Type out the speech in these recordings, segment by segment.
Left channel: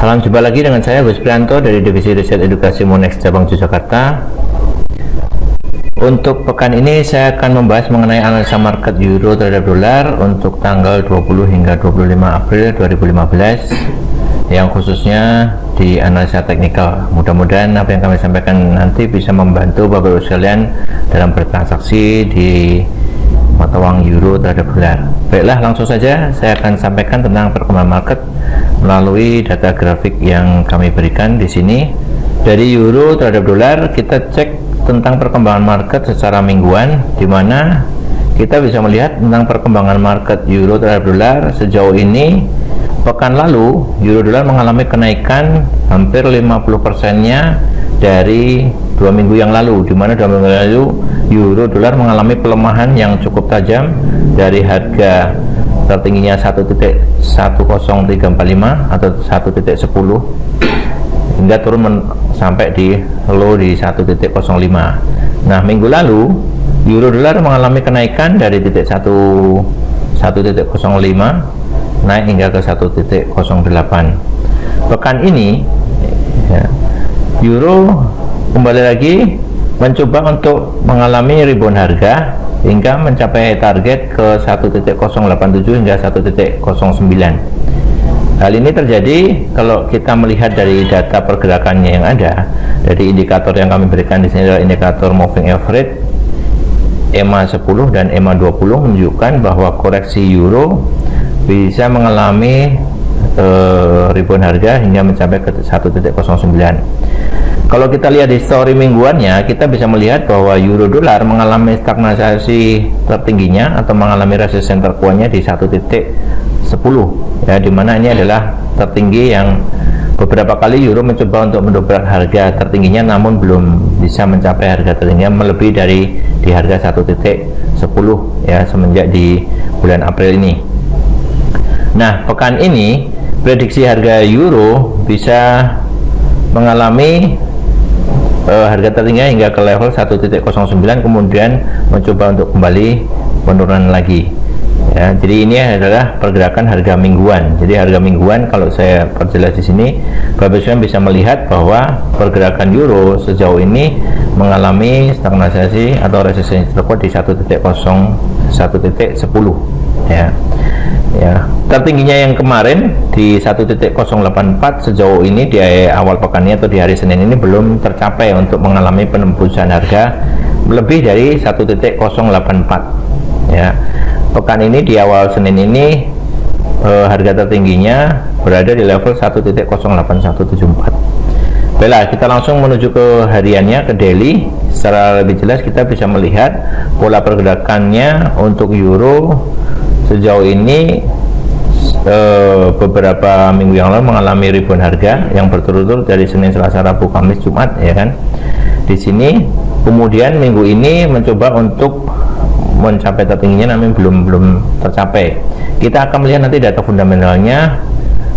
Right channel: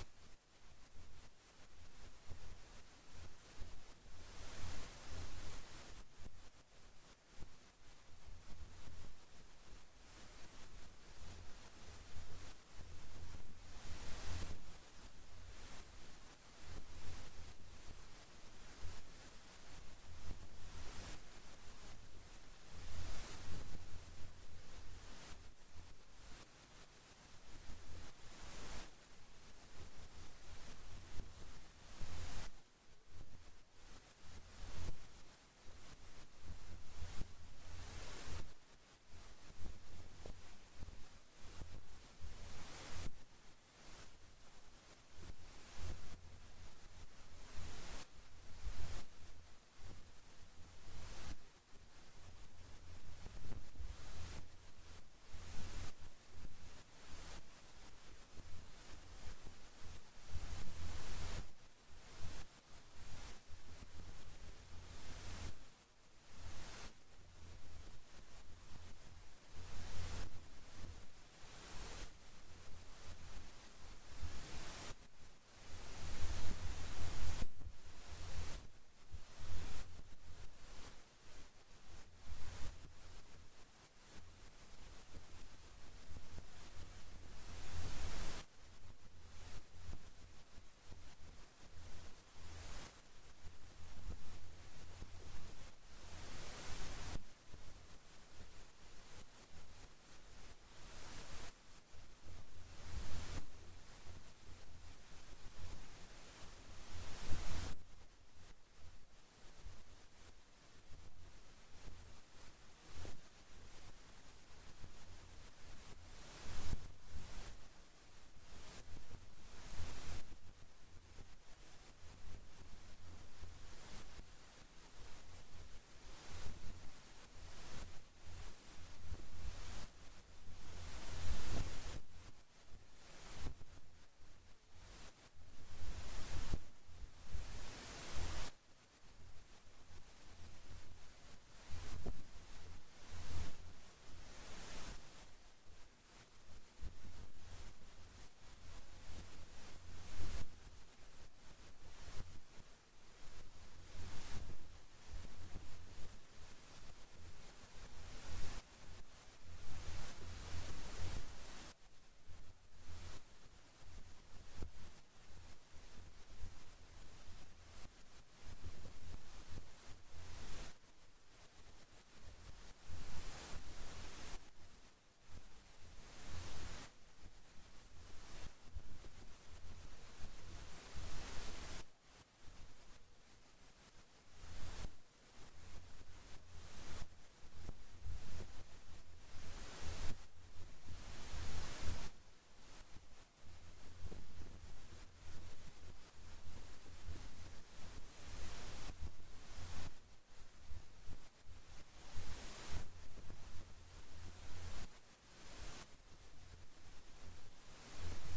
Salam jumpa lagi dengan saya Gus Prianto dari Divisi Riset Edukasi Monex Cabang Yogyakarta. Untuk pekan ini saya akan membahas mengenai analisa market euro terhadap dolar untuk tanggal 20 hingga 25 April 2015 yang khususnya di analisa teknikal. Mudah-mudahan apa yang kami sampaikan nanti bisa membantu Bapak Ibu sekalian dalam bertransaksi di mata uang euro terhadap dolar. Baiklah, langsung saja saya akan sampaikan tentang perkembangan market melalui data grafik yang kami berikan di sini. Dari euro terhadap dolar, kita cek tentang perkembangan market secara mingguan, di mana kita bisa melihat tentang perkembangan market euro terhadap dolar sejauh ini. Pekan lalu euro dolar mengalami kenaikan hampir 50%-nya dari 2 minggu yang lalu, di mana 2 minggu lalu euro dolar mengalami pelemahan yang cukup tajam dari harga tertingginya 1.10345 atau 1.10 hingga turun sampai di low di 1.05. Nah, minggu lalu euro dolar mengalami kenaikan dari 1.05 naik hingga ke 1.08. Pekan ini ya, euro kembali lagi mencoba untuk mengalami rebound harga hingga mencapai target ke 1.087 hingga 1.09. Hal ini terjadi kalau kita melihat dari data pergerakannya yang ada. Dari indikator yang kami berikan di sini adalah indikator moving average EMA 10 dan EMA 20 menunjukkan bahwa koreksi euro bisa mengalami rebound harga hingga mencapai ke 1.09. Kalau kita lihat histori mingguannya, kita bisa melihat bahwa euro dolar mengalami stagnasi tertingginya atau mengalami resisten terkuatnya di 1.10 ya, dimana ini adalah tertinggi yang beberapa kali euro mencoba untuk mendobrak harga tertingginya, namun belum bisa mencapai harga tertingginya melebihi dari di harga 1.10 ya semenjak di bulan April ini. Nah, pekan ini prediksi harga euro bisa mengalami harga tertingginya hingga ke level 1.09, kemudian mencoba untuk kembali penurunan lagi ya. Jadi ini adalah pergerakan harga mingguan. Jadi harga mingguan kalau saya perjelas di sini, Bapak Ibu bisa melihat bahwa pergerakan euro sejauh ini mengalami stagnasi atau resistensi terkuat di 1.10 ya. Ya, tertingginya yang kemarin di 1.084 sejauh ini di awal pekannya atau di hari Senin ini belum tercapai untuk mengalami penembusan harga lebih dari 1.084 ya. Pekan ini di awal Senin ini harga tertingginya berada di level 1.08174. Baiklah, kita langsung menuju ke hariannya, ke daily. Secara lebih jelas kita bisa melihat pola pergerakannya untuk euro sejauh ini beberapa minggu yang lalu mengalami rebound harga yang berturut-turut dari Senin, Selasa, Rabu, Kamis, Jumat ya kan. Di sini kemudian minggu ini mencoba untuk mencapai tertingginya namun belum tercapai. Kita akan melihat nanti data fundamentalnya,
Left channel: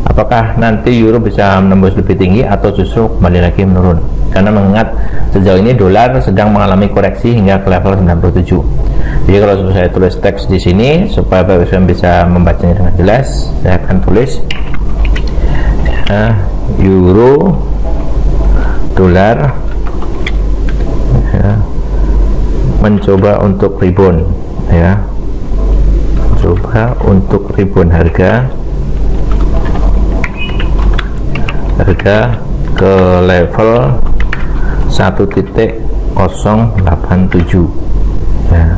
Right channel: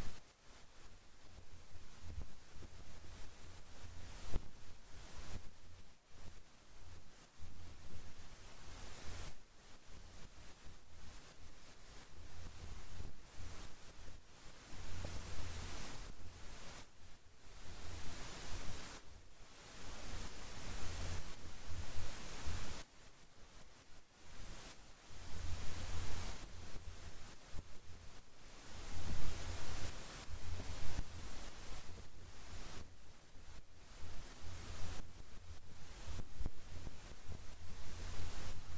apakah nanti euro bisa menembus lebih tinggi atau justru kembali lagi menurun. Karena mengingat sejauh ini dolar sedang mengalami koreksi hingga ke level 97. Jadi kalau saya tulis teks di sini supaya Bapak Ibu bisa membacanya dengan jelas, saya akan tulis euro dolar ya, mencoba untuk rebound ya, coba untuk rebound harga ke level 1.087 ya.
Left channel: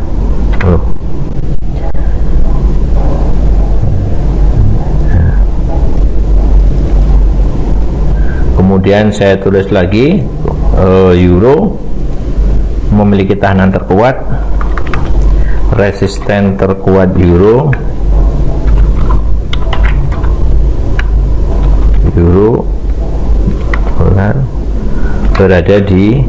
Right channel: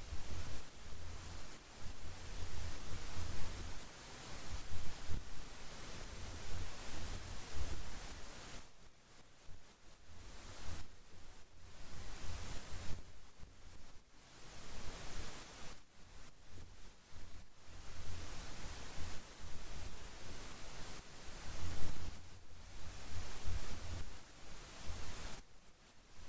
Kemudian saya tulis lagi euro memiliki tahanan terkuat, resisten terkuat euro dolar berada di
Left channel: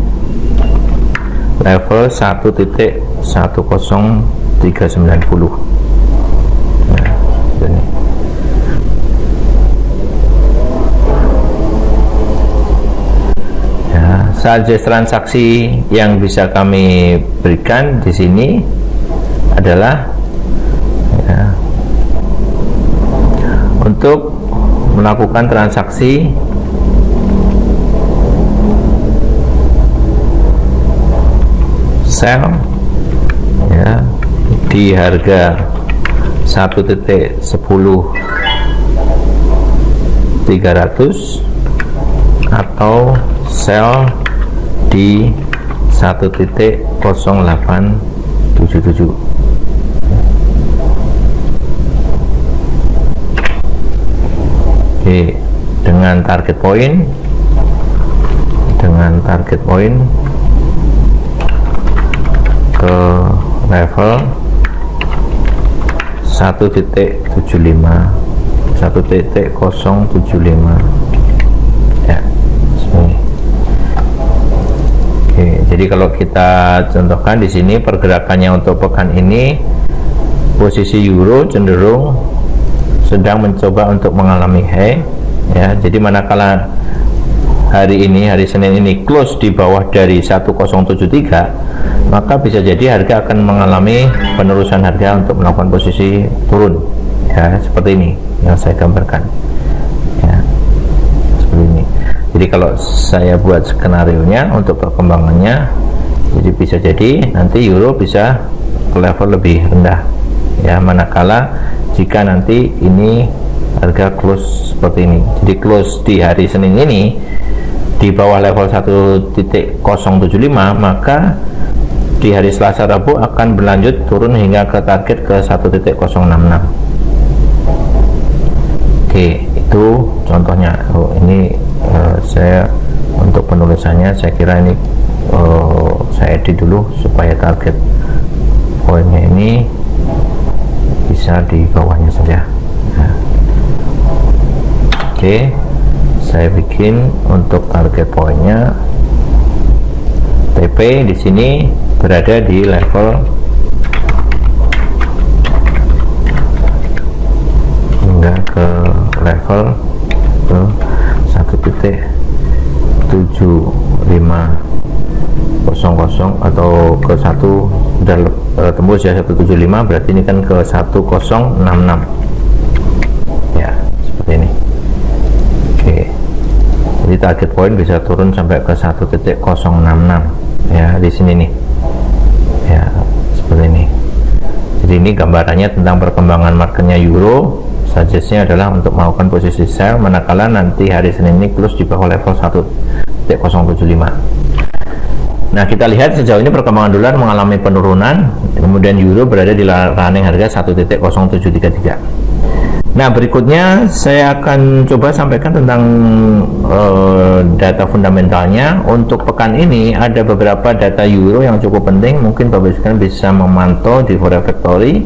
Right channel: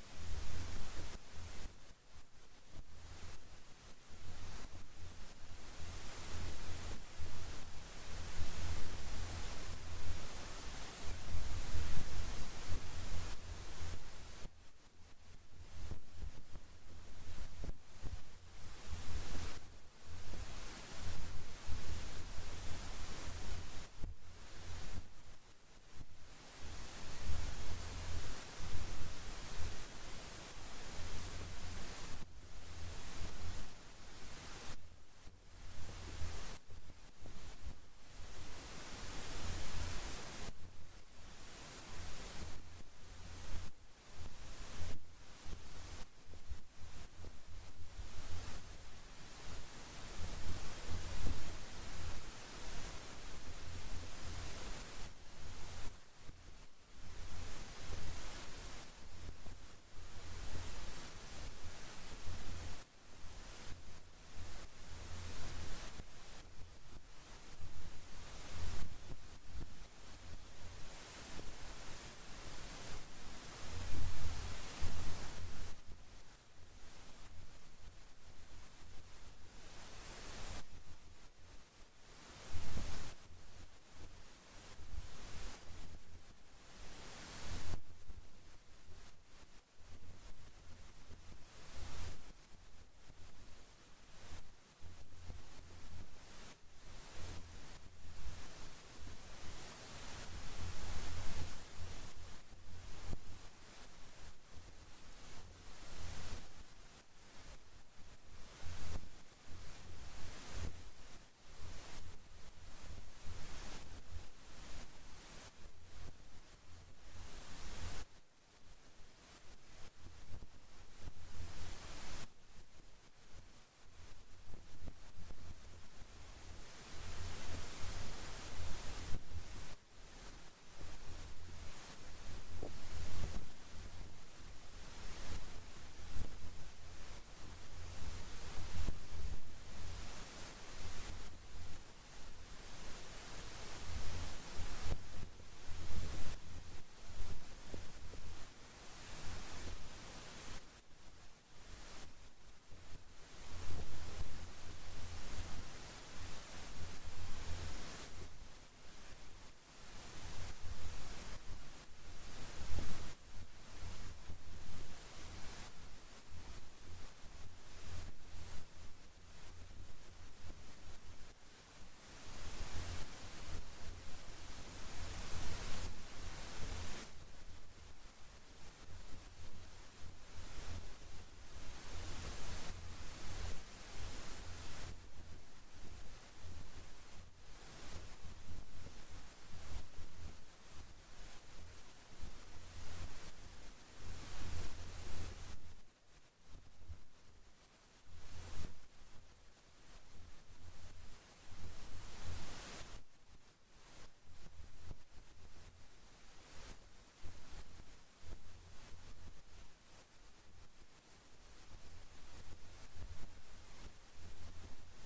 level 1.10390 nah, ini. Ya, saja transaksi yang bisa kami berikan di sini adalah ya, untuk melakukan transaksi sell ya di harga 1.10.300 atau sell di 1.0877. Oke, dengan target point ke level 1.75 ya, sini. Oke, jadi kalau kita contohkan di sini pergerakannya untuk pekan ini, posisi euro cenderung sedang mencoba untuk mengalami high ya. Jadi manakala hari Senin ini close di bawah dari 1073, maka bisa jadi harga akan mengalami penerusan harga untuk melakukan posisi turun ya, seperti ini yang saya gambarkan ya, seperti ini. Jadi kalau saya buat skenario nya untuk perkembangannya, jadi bisa jadi nanti euro bisa ke level lebih rendah ya, manakala jika nanti ini harga close seperti ini. Jadi close di hari Senin ini di bawah level 1.075, maka di hari Selasa Rabu akan berlanjut turun hingga ke target ke 1.066. Oke, itu contohnya. Ini saya untuk penulisannya saya kira ini saya edit dulu supaya target poinnya ini bisa di bawahnya saja. Nah, oke, saya bikin untuk target poinnya TP di sini berada di level hingga ke level ke 1.7500 atau ke 1 sudah tembus ya 175, berarti ini kan ke 1066 ya, seperti ini. Oke, jadi target point bisa turun sampai ke 1.066 ya, di sini nih ya, seperti ini. Jadi ini gambarannya tentang perkembangan marketnya euro. Suggestnya adalah untuk melakukan posisi sell manakala nanti hari Senin ini close di bawah level 1.075. Nah, kita lihat sejauh ini perkembangan dolar mengalami penurunan, kemudian euro berada di running harga 1.0733. Nah, berikutnya saya akan coba sampaikan tentang data fundamentalnya. Untuk pekan ini ada beberapa data euro yang cukup penting, mungkin Bapak sekalian bisa memantau di Forex Factory.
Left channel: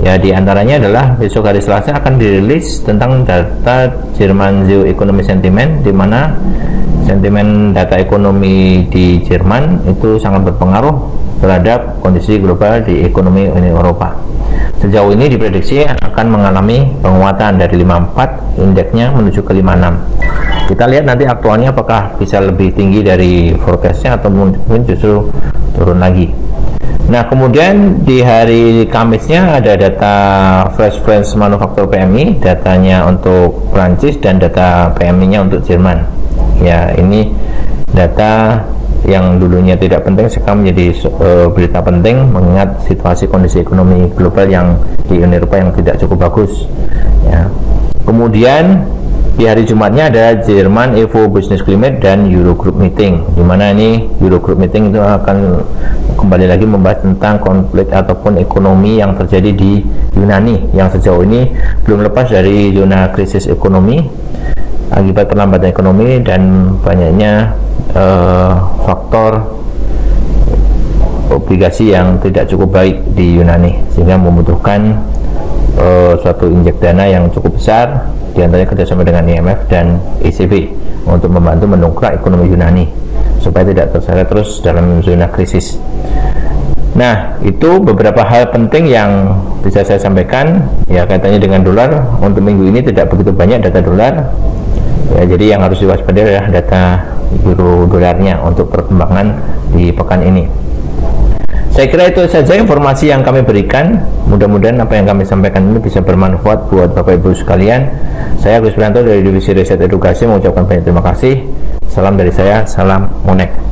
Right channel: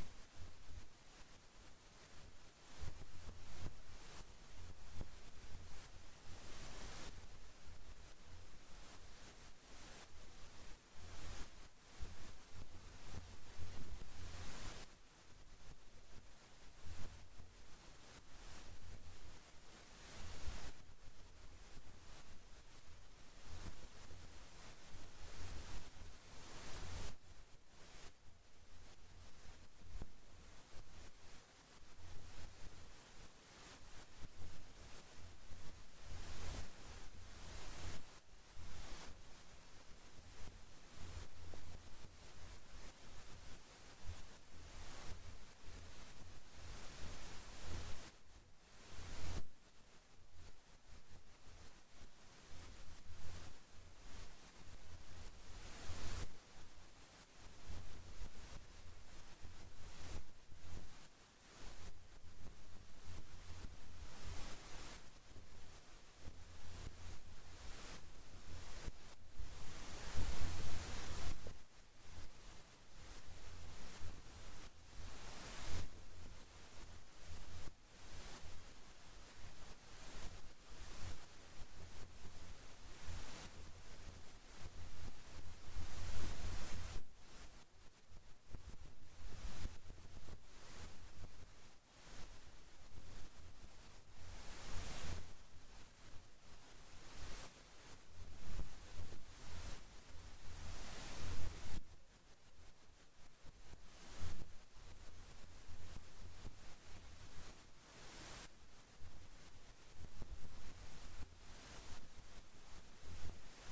Ya, di antaranya adalah besok hari Selasa akan dirilis tentang data Jerman Geo Economy Sentiment, di mana sentimen data ekonomi di Jerman itu sangat berpengaruh terhadap kondisi global di ekonomi Uni Eropa. Sejauh ini diprediksi akan mengalami penguatan dari 54 indeksnya menuju ke 56. Kita lihat nanti aktualnya apakah bisa lebih tinggi dari forecastnya atau mungkin justru turun lagi. Nah, kemudian di hari Kamisnya ada data Flash French Manufacture PMI, datanya untuk Prancis dan data PMI-nya untuk Jerman. Ya, ini data yang dulunya tidak penting sekarang menjadi berita penting mengingat situasi kondisi ekonomi global yang di Uni Eropa yang tidak cukup bagus. Ya. Kemudian di hari Jumatnya ada Jerman Evo Business Climate dan Eurogroup Meeting, di mana ini Eurogroup Meeting itu akan kembali lagi membahas tentang konflik ataupun ekonomi yang terjadi di Yunani yang sejauh ini belum lepas dari zona krisis ekonomi akibat perlambatan ekonomi dan banyaknya faktor obligasi yang tidak cukup baik di Yunani, sehingga membutuhkan suatu injek dana yang cukup besar, diantaranya kerjasama dengan IMF dan ECB untuk membantu mendongkrak ekonomi Yunani supaya tidak terseret terus dalam zona krisis. Nah, itu beberapa hal penting yang bisa saya sampaikan ya kaitannya dengan dolar. Untuk minggu ini tidak begitu banyak data dolar ya, jadi yang harus diwaspadai adalah data euro dolarnya untuk perkembangan di pekan ini. Saya kira itu saja informasi yang kami berikan. Mudah-mudahan apa yang kami sampaikan ini bisa bermanfaat buat Bapak Ibu sekalian. Saya Agus Prianto dari Divisi Riset Edukasi mengucapkan banyak terima kasih. Salam dari saya, salam Monek.